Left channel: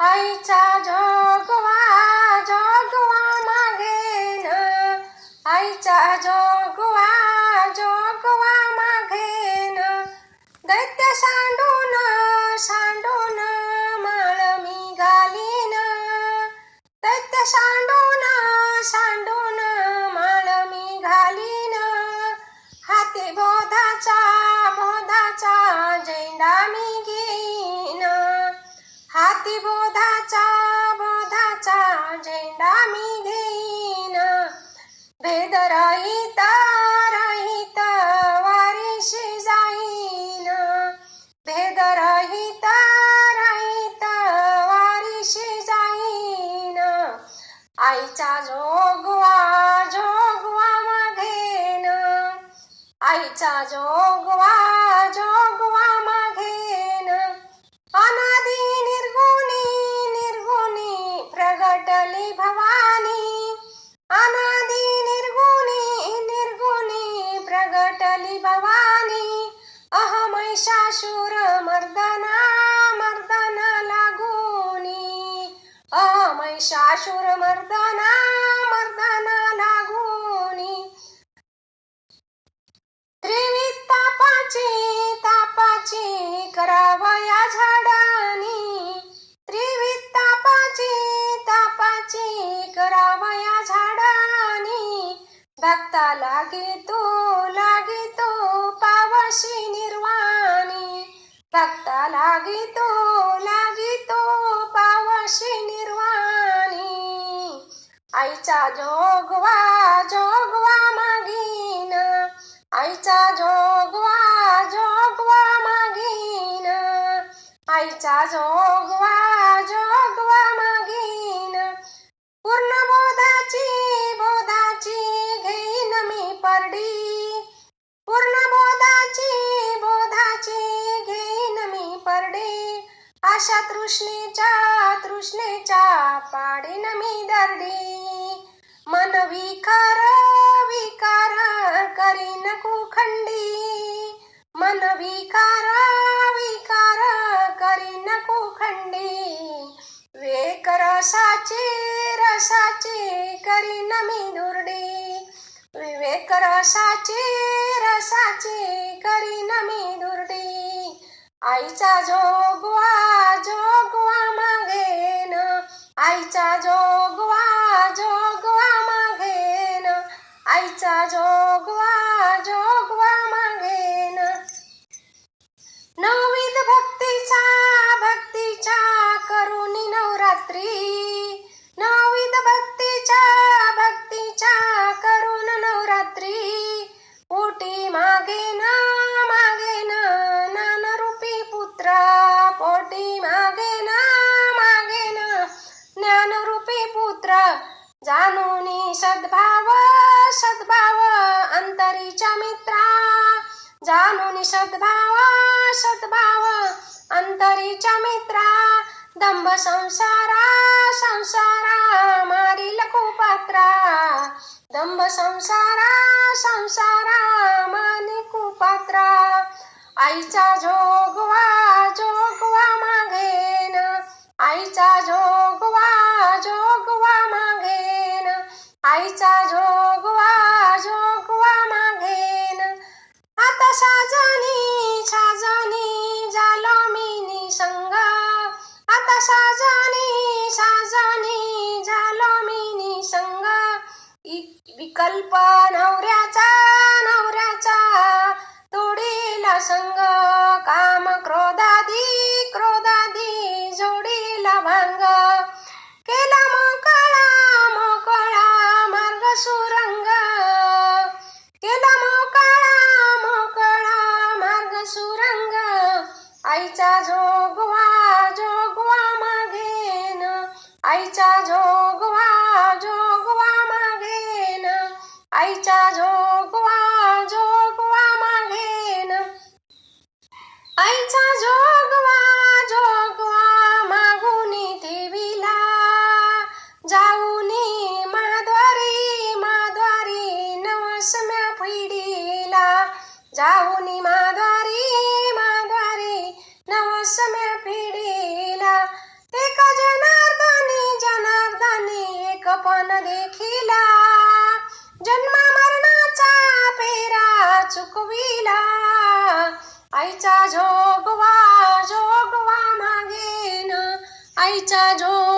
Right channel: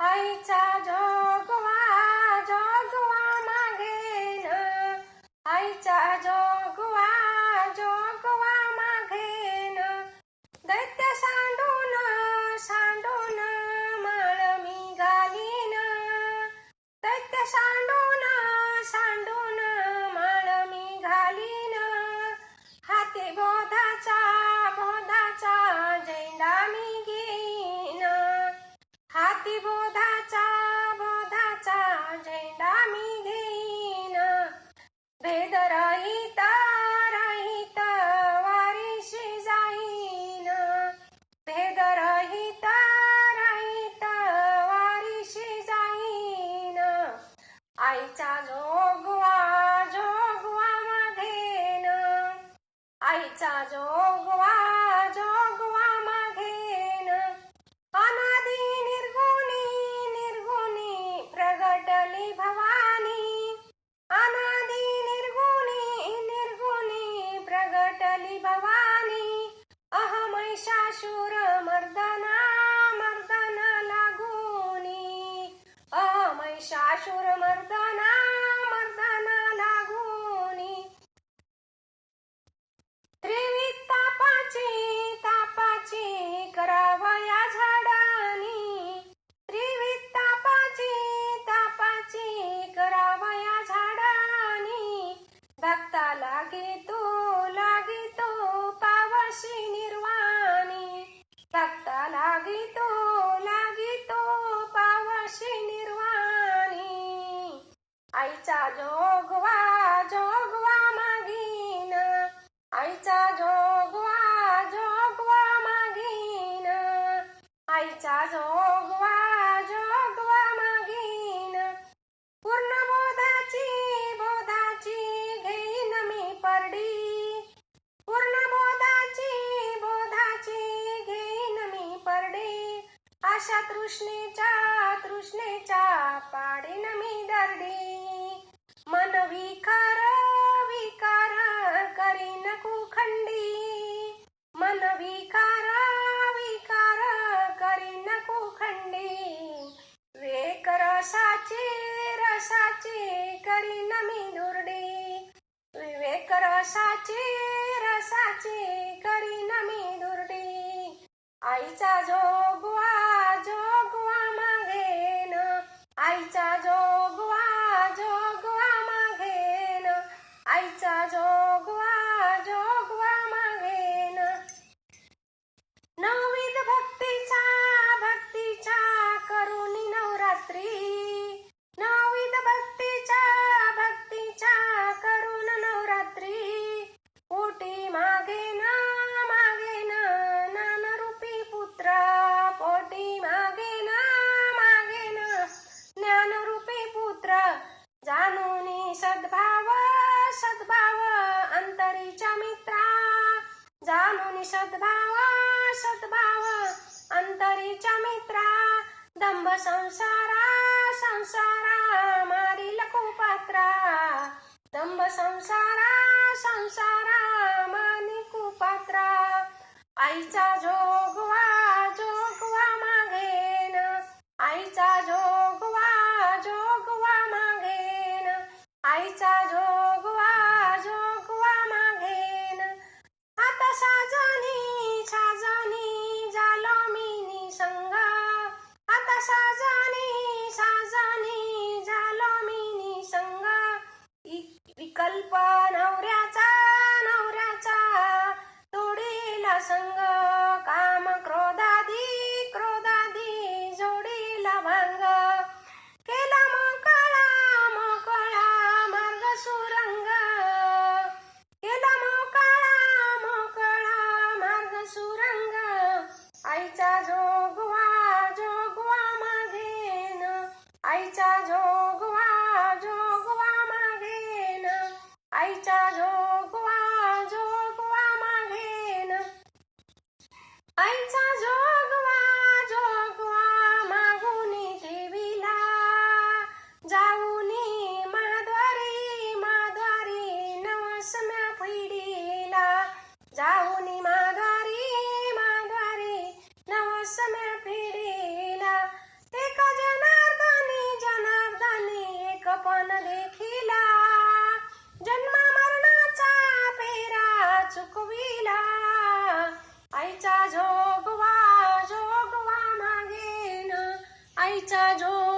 आईचा जोगवा जोगवा मागेन आईचा जोगवा जोगवा मागेन दैत्य सांडून सांडून माळ मी घालीन दैत्य सांडून सांडून माळ मी घालीन हाती बोधाचा बोधाचा झेंडा मी घेईन हाती वेदाचा बोधाचा झेंडा मी घेईन. भेद रहित रहित वारीशी जाईन. भेद रहित रहित वारीशी जाईन. आईचा जोगवा जोगवा मागेन. आईचा जोगवा प्रगटली भवानी अनादी निर्गुणी निर्गुणी प्रगटली भवानी. अहमैषाशूर मर्दना मर्दना लागुनी. अहमैषाशूर मर्दना भक्ता लागे तो लागे तो पावशी निर्वाणी आईचा जोगवा जोगवा मागीन आईचा जोगवा जोगवा मागीन आईचा जोगवा अशा तृष्णेच्या तृष्णेच्या पाडीन मी दरडी. मन विकार विकार करीन कुखंडी. मन विकार विकार करीन कुखंडी. वेक रसाचे रसाची करीन मी दुर्डी. विवेक रसाची रसाचे करीन मी दुर्डी. आईचा जोगवा जोगवा जाणून सद्भावा सद्भाव अंतरीच्या मित्रा दंभ संसारा संसारा मारील कुपात्रा दंभ संसारा संसारा मानी कुपात्रा आईचा जोगवा जोगवा मागेन आईचा जोगवा जोगवा मागेन आईचा जोग साजनी साजनी झालो मी निसंग आता साजनी साजनी झालो मी निसंग विकल्प नवऱ्याचा आईचा जोगवा जोगवा मागेन. आईचा जोगवा जोगवा मागेन. आईचा जोग समय पिढीला एक जनार्दनी जनार्दनी एक पण देखिला। जन्मा मरणाचा पेरा चुकविला। आईचा जोगवा जोगवा मागेन। आईचा जोग